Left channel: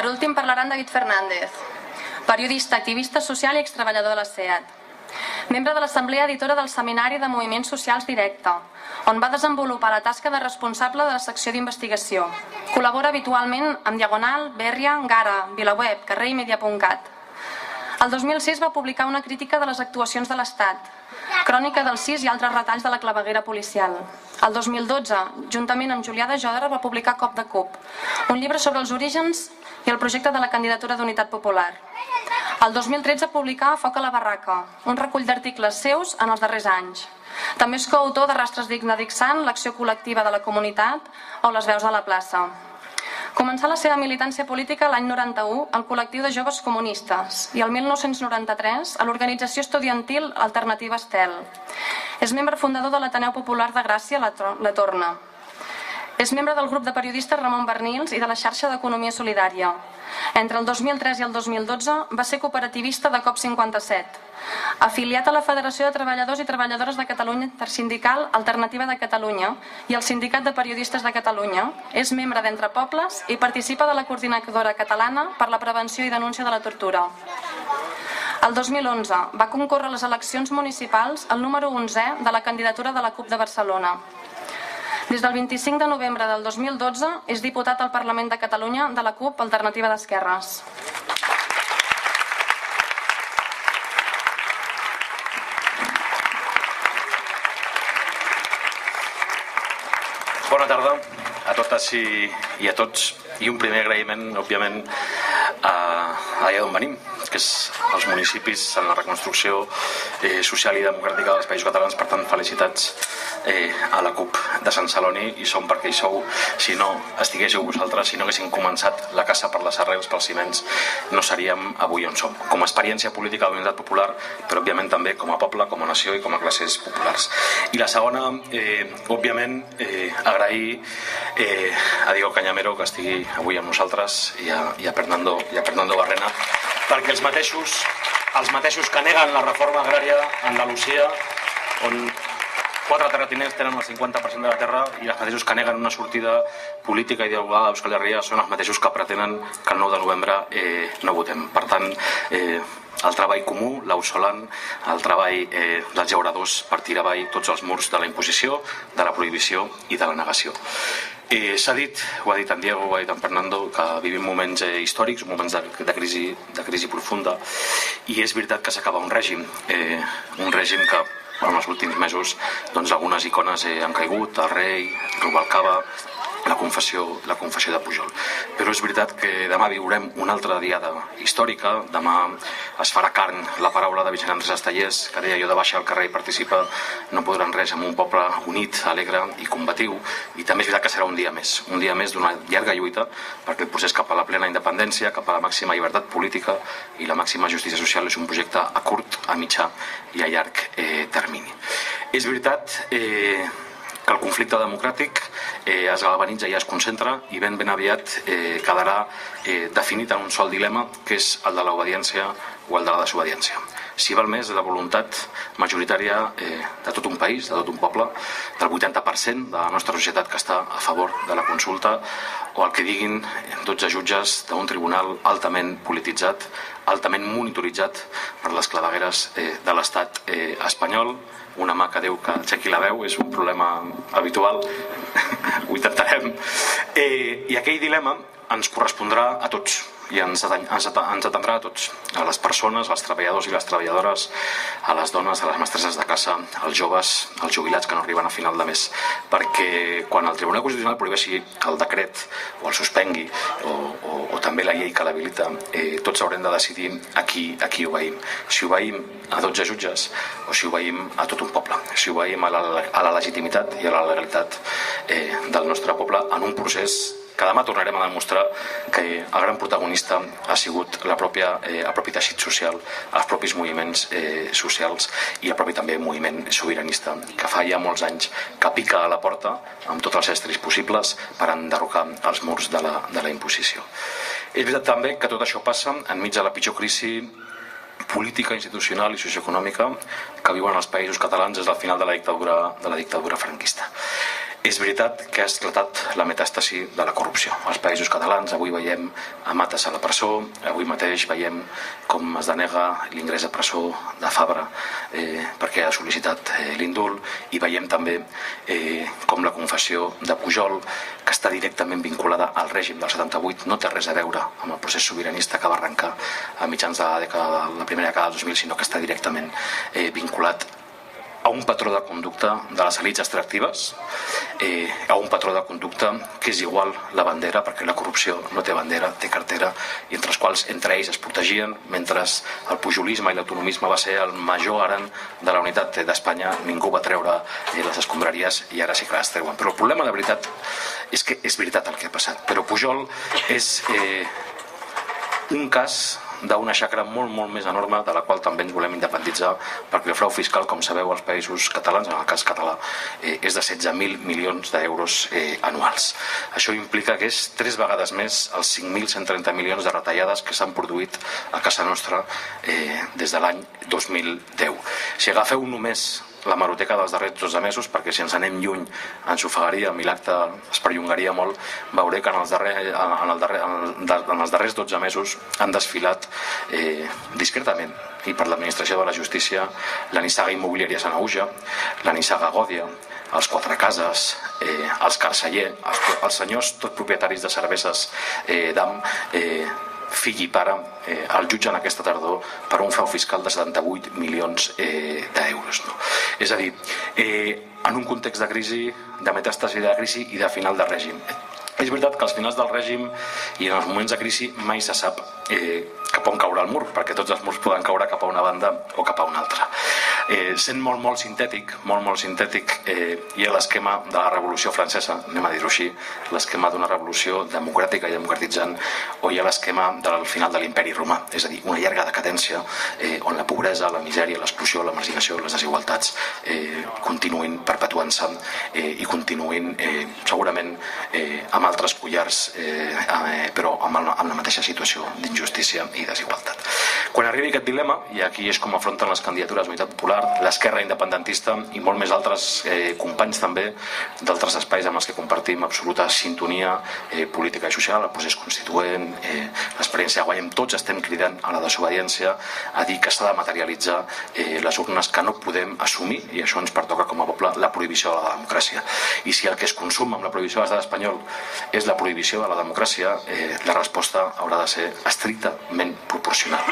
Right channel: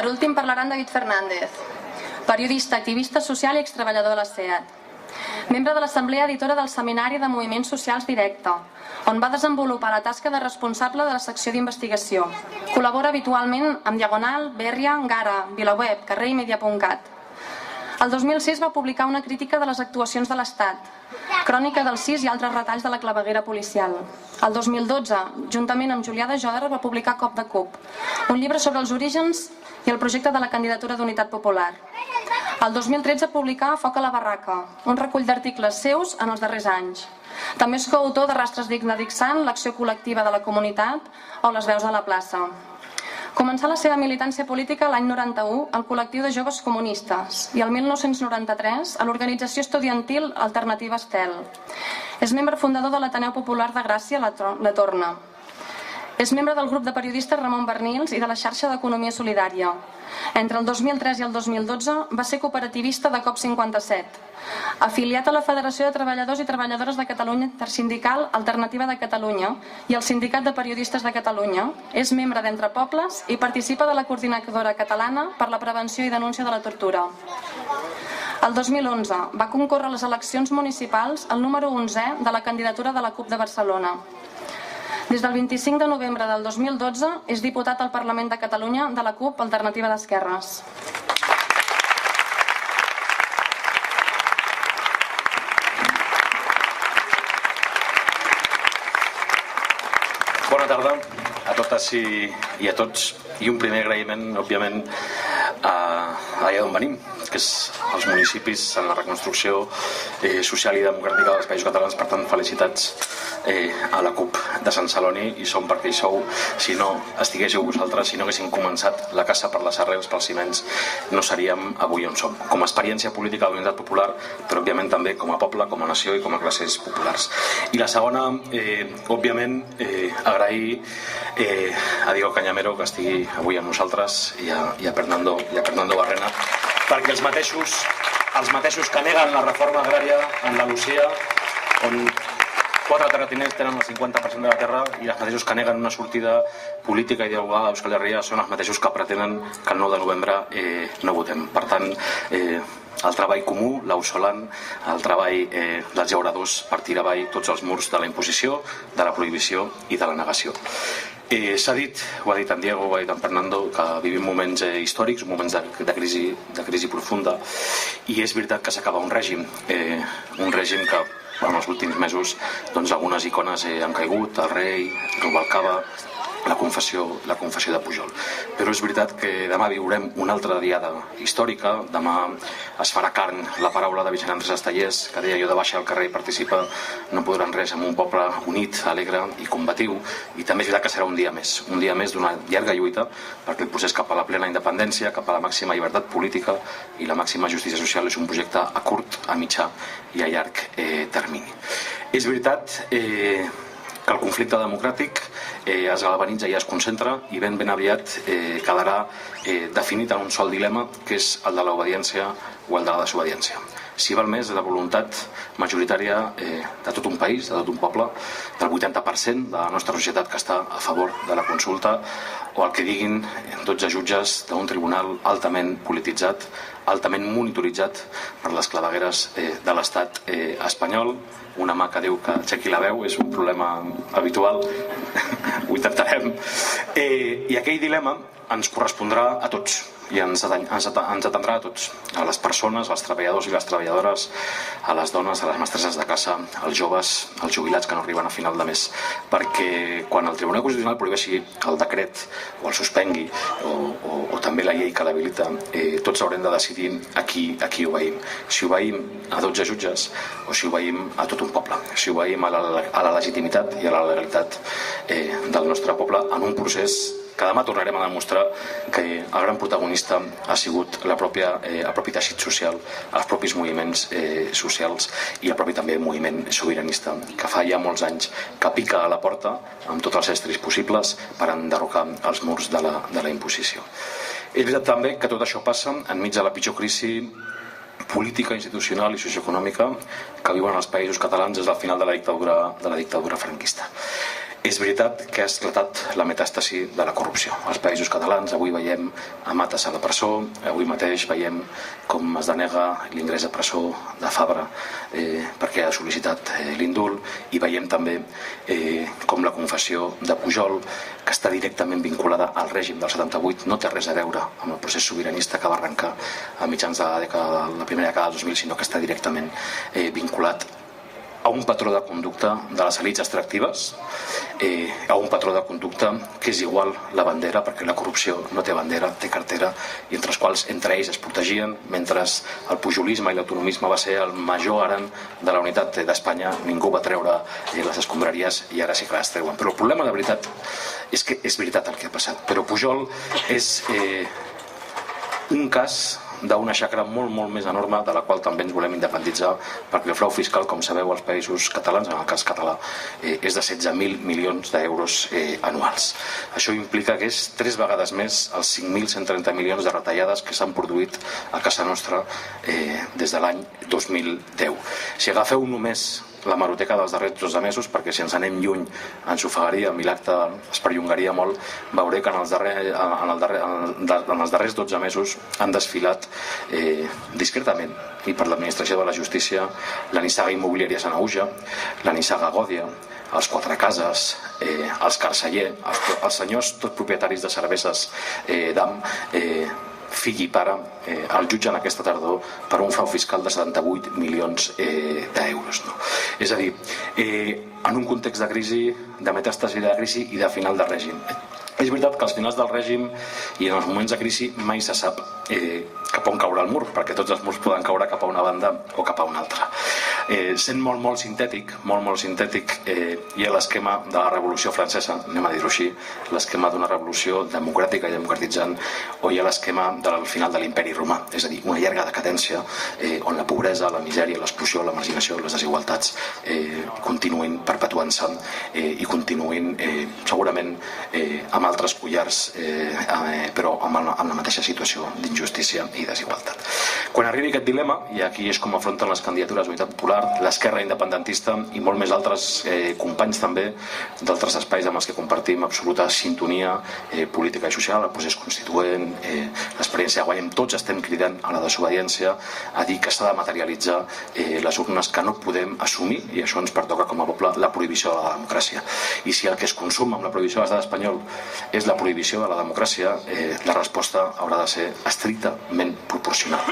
Per últim parlaran David Fernández, periodista, activista social i extreballador de la SEAT. Membre de l'Assemblea Editora del Seminari de Moviments Socials Directe, on va desenvolupar la tasca de responsable de la secció d'investigació. Col·labora habitualment amb Diagonal, Berria, Gara, VilaWeb, Carrer i Media.cat. El 2006 va publicar una crítica de les actuacions de l'Estat, crònica del CIS i altres retalls de la claveguera policial. El 2012, juntament amb Julià de Jòdar, va publicar Cop de Cup, un llibre sobre els orígens i el projecte de la candidatura d'Unitat Popular. El 2013 publicà Foc a la barraca, un recull d'articles seus en els darrers anys. També és coautor de Rastres d'Ixant, l'Acció Col·lectiva de la Comunitat o Les Veus de la Plaça. Començà la seva militància política l'any 91 al col·lectiu de joves comunistes i el 1993 a l'organització estudiantil Alternativa Estel. És membre fundador de l'Ateneu Popular de Gràcia, la Torna. És membre del grup de periodistes Ramon Bernils i de la xarxa d'Economia Solidària. Entre el 2003 i el 2012 va ser cooperativista de COP57. Afiliat a la Federació de Treballadors i Treballadores de Catalunya Intersindical Alternativa de Catalunya i al Sindicat de Periodistes de Catalunya, és membre d'Entre Pobles i participa de la Coordinadora Catalana per la Prevenció i Denúncia de la Tortura. El 2011 va concórrer a les eleccions municipals el número 11è de la candidatura de la CUP de Barcelona. Des del 25 de novembre del 2012 és diputat al Parlament de Catalunya de la CUP Alternativa d'Esquerres. Bona tarda a totes i a tots. I un primer agraïment, òbviament, allà d'on venim, que és els municipis en la reconstrucció social i democràtica dels països catalans. Per tant, felicitats a la CUP de Sant Celoni, i som perquè hi sou. Si no estiguéssiu vosaltres, si no haguéssim començat la casa per les arrels, pels ciments, no seríem avui on som. Com a experiència política de l'Unitat Popular, però òbviament també com a poble, com a nació i com a classes populars. I la segona, òbviament, agrair a Diego Cañamero que estigui avui amb nosaltres i a Fernando Barrena, perquè els mateixos que neguen la reforma agrària a Andalusia, on 4 terratinents tenen el 50% de la terra, i els mateixos que neguen una sortida política i dialogada a Euskal Herria són els mateixos que pretenen que el 9 de novembre no votem. Per tant, el treball comú, l'ausolant, el treball dels llauradors per tirar avall tots els murs de la imposició, de la prohibició i de la negació. S'ha dit, ho ha dit en Diego, ho ha dit en Fernando, que vivim moments històrics, moments de crisi profunda, i és veritat que s'acaba un règim que en els últims mesos algunes icones han caigut, el rei, Rubalcaba, la confessió de Pujol. Però és veritat que demà viurem una altra diada històrica. Demà es farà carn la paraula de Vicent Andrés Estellés, que deia: jo de baixa al carrer i participa no podran res amb un poble unit, alegre i combatiu. I també és veritat que serà un dia més d'una llarga lluita, perquè el procés cap a la plena independència, cap a la màxima llibertat política i la màxima justícia social és un projecte a curt, a mitjà i a llarg termini. És veritat que el conflicte democràtic es galvanitza i es concentra, i ben aviat quedarà definit en un sol dilema, que és el de l'obediència o el de la desobediència. Si val més la voluntat majoritària de tot un país, de tot un poble, del 80% de la nostra societat que està a favor de la consulta, o el que diguin 12 jutges d'un tribunal altament polititzat, altament monitoritzat per les clavegueres de l'estat espanyol. Una mà que diu que aixequi la veu és un problema habitual, ho intentarem. I aquell dilema ens correspondrà a tots i ens atendrà a tots, a les persones, als treballadors i les treballadores, a les dones, a les mestresses de casa, als joves, als jubilats que no arriben a final de mes, perquè quan el Tribunal Constitucional prohibeixi el decret o el suspengui o també la llei que l'habilita, tots haurem de decidir a qui obeïm. Si obeïm a 12 jutges o si obeïm a tot un poble, si obeïm a la legitimitat i a la legalitat del nostre poble en un procés que demà tornarem a demostrar que el gran protagonista ha sigut el propi teixit social, els propis moviments socials i el propi també moviment sobiranista, que fa ja molts anys que pica a la porta amb tots els estris possibles per enderrocar els murs de la imposició. És veritat també que tot això passa enmig de la pitjor crisi política, institucional i socioeconòmica que viuen els països catalans des del final de la dictadura franquista. És veritat que ha esclatat la metàstasi de la corrupció. Als països catalans avui veiem a Matas a la presó, avui mateix veiem com es denega l'ingrés a presó de Fabra perquè ha sol·licitat l'indult, i veiem també com la confessió de Pujol, que està directament vinculada al règim del 78, no té res a veure amb el procés sobiranista que va arrencar a mitjans de la primera dècada del 2000, sinó que està directament vinculat a un patró de conducta de les elits extractives, a un patró de conducta que és igual la bandera, perquè la corrupció no té bandera, té cartera, i entre els quals entre ells es protegien, mentre el pujolisme i l'autonomisme va ser el major garant de la unitat d'Espanya. Ningú va treure les escombraries i ara sí que les treuen. Però el problema de veritat és que és veritat el que ha passat, però Pujol és un cas d'una xacra molt més enorme, de la qual també ens volem independitzar, perquè el frau fiscal, com sabeu, als països catalans, en el cas català, és de 16.000 milions d'euros anuals. Això implica que és 3 vegades més els 5.130 milions de retallades que s'han produït a casa nostra des de l'any 2010. Si agafeu només la hemeroteca dels darrers 12 mesos, perquè si ens anem lluny ens ofegaríem i l'acte es perllongaria molt, veuré que en els darrers 12 mesos han desfilat discretament i per l'administració de la justícia la nissaga immobiliària Sanaüja, la nissaga Gòdia, els Quatre Cases, els Carceller, els senyors tots propietaris de cerveses d'AM, fill i pare, el jutgen aquesta tardor per un frau fiscal de 78 milions d'euros. És a dir, en un context de crisi, de metàstasi de crisi i de final de règim. És veritat que als finals del règim i en els moments de crisi mai se sap cap on caurà el mur, perquè tots els murs poden caure cap a una banda o cap a una altra. Sent molt sintètic, hi ha l'esquema de la Revolució Francesa, anem a dir-ho així, l'esquema d'una revolució democràtica i democratitzant, o hi ha l'esquema del final de l'imperi romà, és a dir, una llarga decadència on la pobresa, la misèria, l'exclusió, la marginació, les desigualtats continuïn perpetuant-se i continuïn segurament amb altres collars, però amb la mateixa situació d'injustícia i desigualtat. Quan arribi aquest dilema, i aquí és com afronten les candidatures d'Unitat Popular, l'esquerra independentista i molt més altres companys també d'altres espais amb els que compartim absoluta sintonia política i social, el procés constituent, l'experiència de Guanyem, tots estem cridant a la desobediència, a dir que s'ha de materialitzar les urnes, que no podem assumir, i això ens pertoca com a poble, la prohibició de la democràcia. I si el que es consum amb la prohibició de l'estat espanyol és la prohibició de la democràcia, la resposta haurà de ser estrictament proporcional.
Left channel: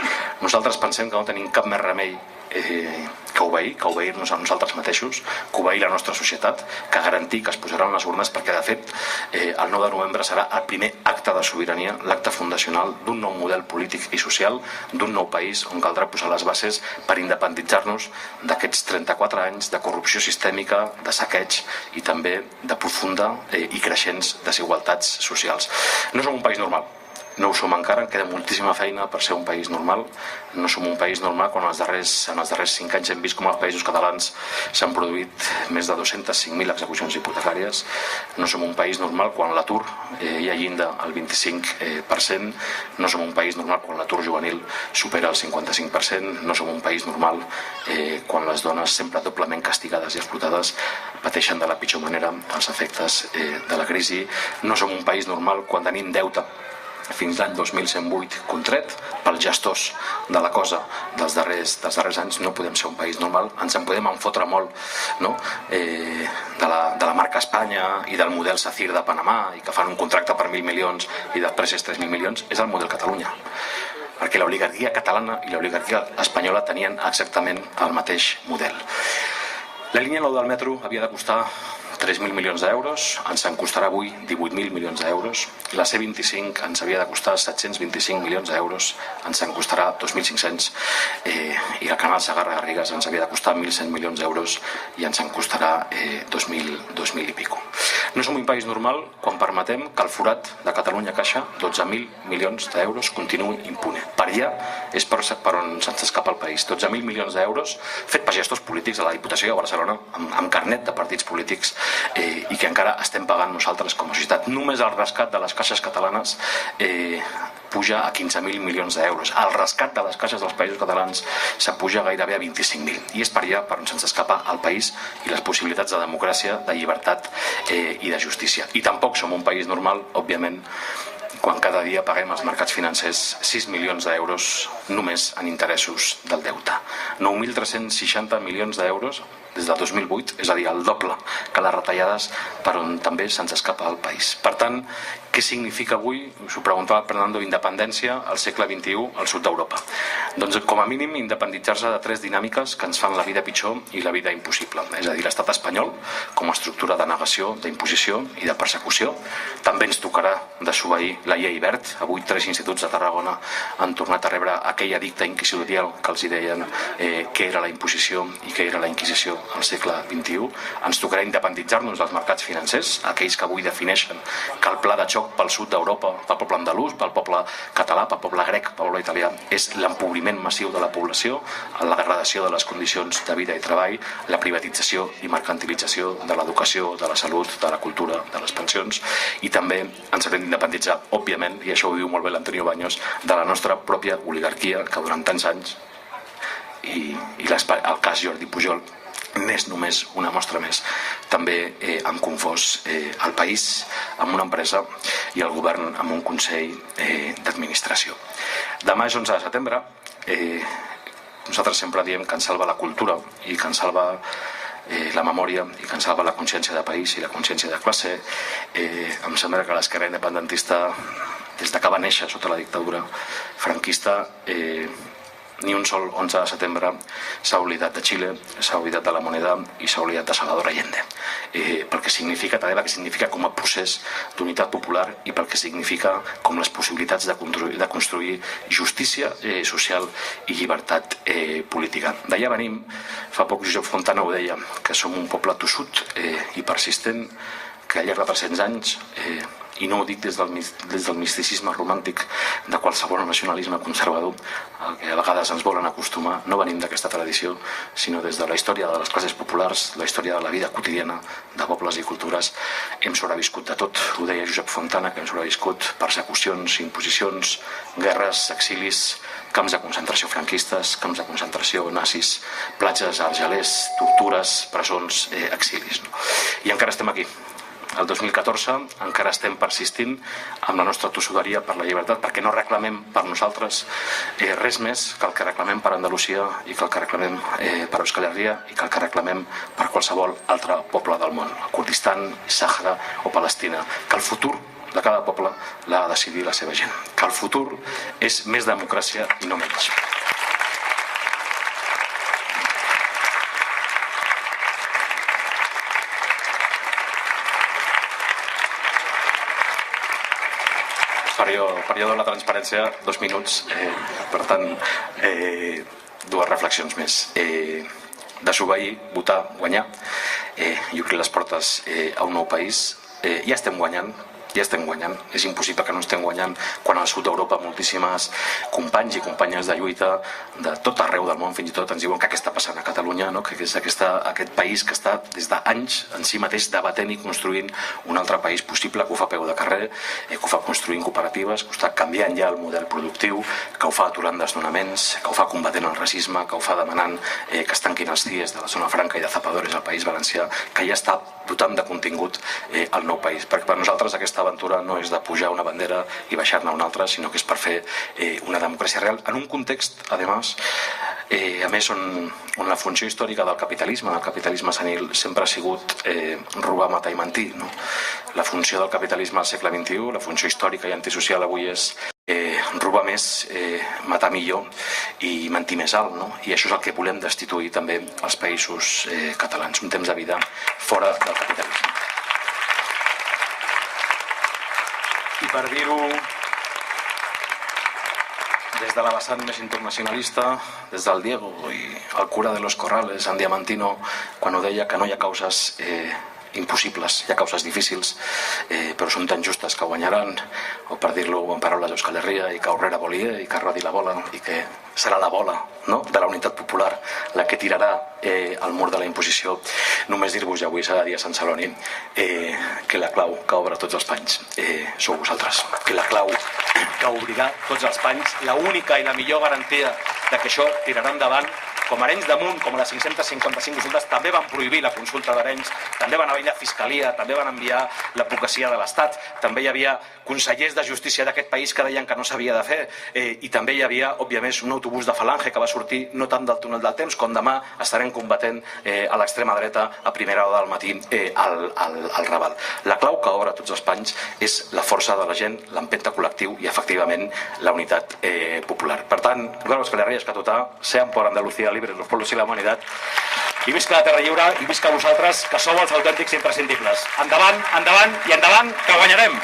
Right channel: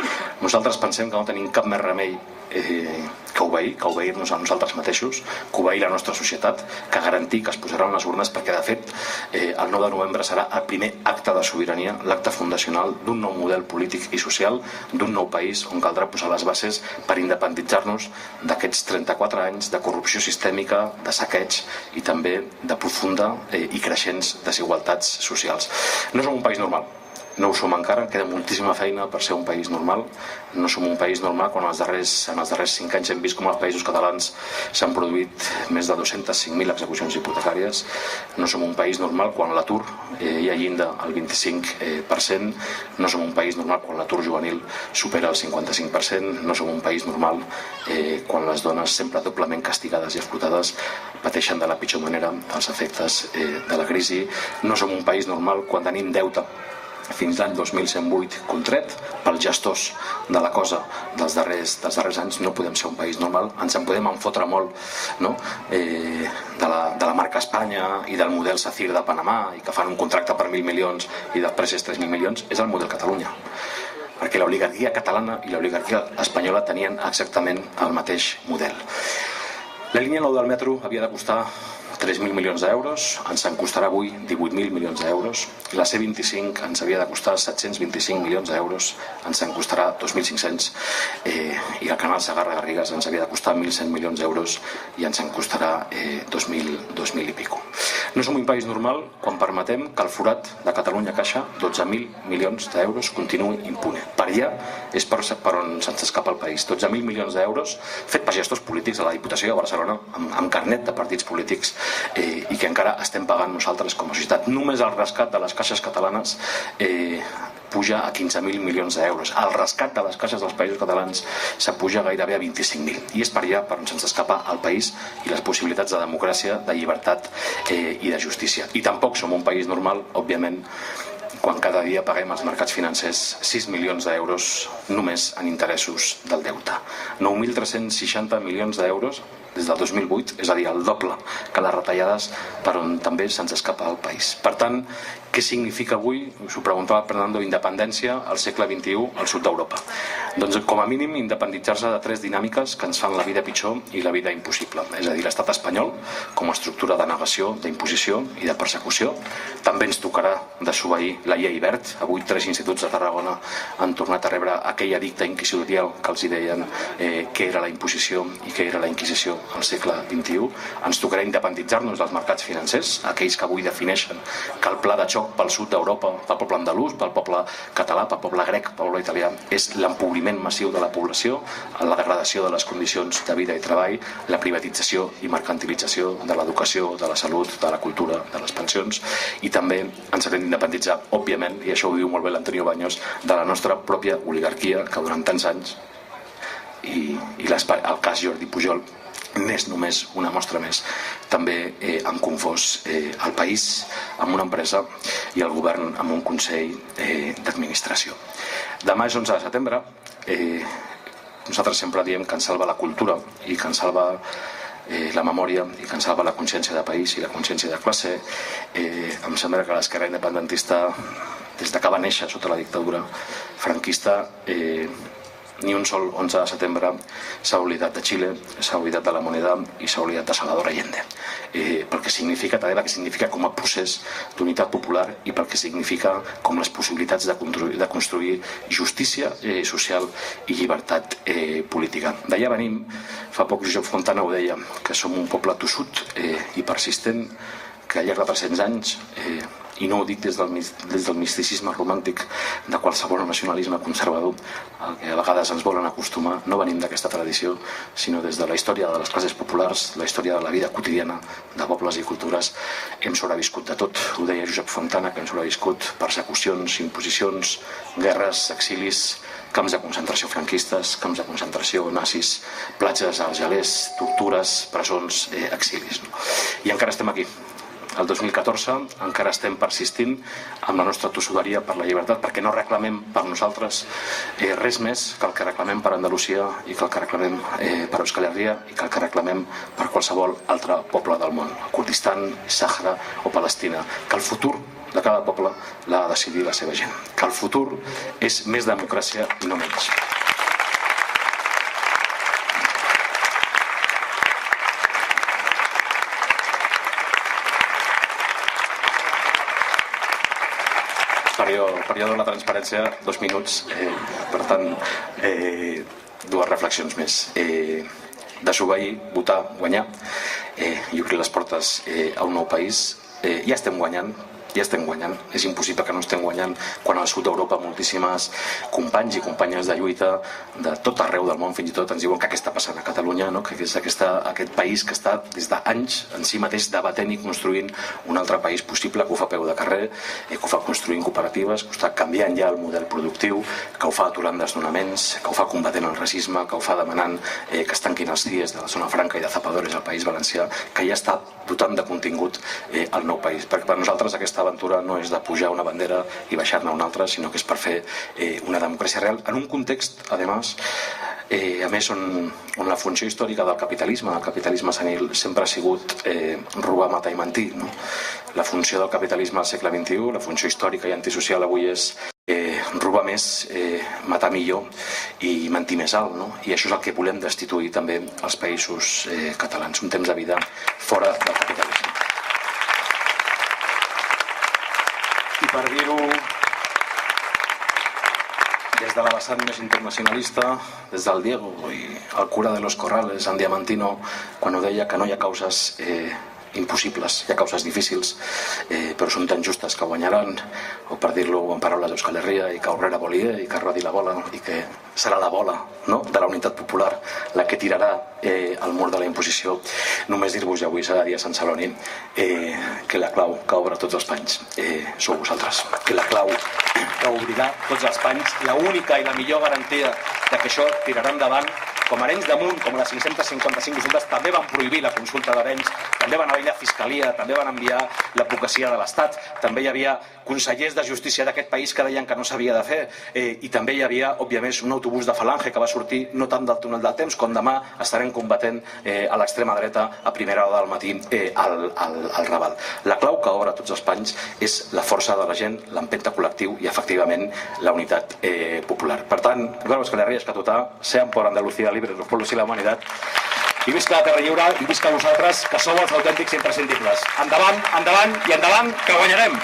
Nosaltres pensem que no tenim cap més remei que obeir-nos a nosaltres mateixos, que obeir la nostra societat, que garantir que es posaran les urnes, perquè de fet el 9 de novembre serà el primer acte de sobirania, l'acte fundacional d'un nou model polític i social, d'un nou país on caldrà posar les bases per independitzar-nos d'aquests 34 anys de corrupció sistèmica, de saqueig i també de profunda i creixents desigualtats socials. No som un país normal. No ho som encara, queda moltíssima feina per ser un país normal. No som un país normal quan en els darrers 5 anys hem vist com als països catalans s'han produït més de 205.000 execucions hipotecàries. No som un país normal quan l'atur hi ha llinda al 25%. No som un país normal quan l'atur juvenil supera el 55%. No som un país normal quan les dones, sempre doblement castigades i explotades, pateixen de la pitjor manera els efectes de la crisi. No som un país normal quan tenim deute fins l'any 2108 contret pels gestors de la cosa dels darrers anys. No podem ser un país normal. Ens en podem enfotre molt, no? de la marca Espanya i del model SACIR de Panamà, i que fan un contracte per 1.000 milions i després és 3.000 milions. És el model Catalunya, perquè l'oligarquia catalana i l'oligarquia espanyola tenien exactament el mateix model. La línia 9 del metro havia de costar 3.000 milions d'euros, ens en costarà avui 18.000 milions d'euros. La C25 ens havia de costar 725 milions d'euros, ens en costarà 2.500. I el canal Segarra-Garrigues ens havia de costar 1.100 milions d'euros i ens en costarà 2.000 i pico. No som un país normal quan permetem que el forat de Catalunya Caixa, 12.000 milions d'euros, continuï impune. Per allà és per on se'ns escapa el país. 12.000 milions d'euros fet per gestors polítics a la Diputació de Barcelona, amb carnet de partits polítics, i que encara estem pagant nosaltres com a societat. Només el rescat de les caixes catalanes puja a 15.000 milions d'euros. El rescat de les caixes dels països catalans s'apuja gairebé a 25.000. I és per allà per on se'ns escapa el país i les possibilitats de democràcia, de llibertat i de justícia. I tampoc som un país normal, òbviament, quan cada dia paguem als mercats financers 6 milions d'euros només en interessos del deute. 9.360 milions d'euros des del 2008, és a dir, el doble que les retallades per on també se'ns escapa el país. Per tant, què significa avui, us ho preguntava Fernando, independència al segle XXI al sud d'Europa? Doncs com a mínim independitzar-se de 3 dinàmiques que ens fan la vida pitjor i la vida impossible. És a dir, l'estat espanyol com a estructura de negació, d'imposició i de persecució. També ens tocarà desobeir la llei Wert. Avui 3 instituts de Tarragona han tornat a rebre aquell edicte inquisitorial que els deien què era la imposició i què era la inquisició al segle XXI. Ens tocarà independitzar-nos dels mercats financers, aquells que avui defineixen que el pla de xoc pel sud d'Europa, pel poble andalús, pel poble català, pel poble grec, pel poble italià, és l'empobriment massiu de la població, la degradació de les condicions de vida i treball, la privatització i mercantilització de l'educació, de la salut, de la cultura, de les pensions, i també ens haurem d'independitzar, òbviament, i això ho diu molt bé l'Antonio Baños, de la nostra pròpia oligarquia, que durant tants anys, i el cas Jordi Pujol n'és només una mostra més, també han confós el país amb una empresa i el govern amb un consell d'administració. Demà és 11 de setembre. Nosaltres sempre diem que ens salva la cultura i que ens salva la memòria i que ens salva la consciència de país i la consciència de classe. Em sembla que l'esquerra independentista, des que va néixer sota la dictadura franquista, ni un sol 11 de setembre s'ha oblidat de Xile, s'ha oblidat de la moneda i s'ha oblidat de Salvador Allende, pel que significa també, el que significa com a procés d'unitat popular i pel que significa com les possibilitats de construir justícia social i llibertat política. D'allà venim. Fa poc Josep Fontana ho deia, que som un poble tossut i persistent, que al llarg de 300 anys, i no ho dic des del misticisme romàntic de qualsevol nacionalisme conservador al que a vegades ens volen acostumar, no venim d'aquesta tradició, sinó des de la història de les classes populars, la història de la vida quotidiana de pobles i cultures. Hem sobreviscut de tot. Ho deia Josep Fontana, que hem sobreviscut persecucions, imposicions, guerres, exilis, camps de concentració franquistes, camps de concentració nazis, platges argelers, tortures, presons, exilis. I encara estem aquí. El 2014 encara estem persistint amb la nostra tossuderia per la llibertat, perquè no reclamem per nosaltres res més que el que reclamem per Andalusia i que el que reclamem per Euskal Herria i que el que reclamem per qualsevol altre poble del món, Kurdistan, Sàhara o Palestina, que el futur de cada poble l'ha de decidir la seva gent, que el futur és més democràcia i no menys. Període de la transparència, 2 minuts, per tant, 2 reflexions més. Desobeir, votar, guanyar i obrir les portes a un nou país. Ja estem guanyant. És impossible que no estem guanyant quan al sud d'Europa moltíssimes companys i companyes de lluita de tot arreu del món fins i tot ens diuen que què està passant a Catalunya, no? Que és aquest país que està des d'anys en si mateix debatent i construint un altre país possible, que ho fa a peu de carrer, que ho fa construint cooperatives, que ho està canviant ja el model productiu, que ho fa aturant desnonaments, que ho fa combatent el racisme, que ho fa demanant que es tanquin els CIEs de la zona franca i de Zapadores al País Valencià, que ja està dotant de contingut el nou país. Perquè per nosaltres aquesta aventura no és de pujar una bandera i baixar-ne una altra, sinó que és per fer una democràcia real en un context, a més, on la funció històrica del capitalisme senil sempre ha sigut robar, matar i mentir, no? La funció del capitalisme al segle XXI, la funció històrica i antisocial avui és robar més, matar millor i mentir més alt, no? I això és el que volem destituir també als països catalans, un temps de vida fora del capitalisme. I per dir-ho des de la vessant més internacionalista, des del Diego i el cura de los Corrales, en Diamantino, quan ho deia que no hi ha causes impossibles, hi ha causes difícils, però són tan justes que guanyaran, o per dir-lo en paraules d'Euskal Herria, i que Aurrera volia, i que rodi la bola, i que serà la bola de la unitat popular la que tirarà el mur de la imposició. Només dir-vos, i avui s'ha de dir a Sant Celoni, que la clau que obre tots els panys sou vosaltres. Que la clau que obrirà tots els panys, l'única i la millor garantia de que això tirarà endavant, com Arenys de Munt, com les 555 consultes, també van prohibir la consulta d'Arenys, també van haver la Fiscalia, també van enviar l'advocacia de l'Estat, també hi havia consellers de justícia d'aquest país que deien que no s'havia de fer, i també hi havia, òbviament, un autobús de Falange que va sortir no tant del túnel del temps, com demà estarem combatent a l'extrema dreta a primera hora del matí al Raval. La clau que obre tots els panys és la força de la gent, l'empenta col·lectiu i, efectivament, la unitat popular. Per tant, Eduardo Euskal Herria, Escatutà, sean por Andalucía libres los pueblos y la humanidad. I visca la Terra Lliure i visca vosaltres, que sou els autèntics imprescindibles. Endavant, endavant i endavant, que guanyarem!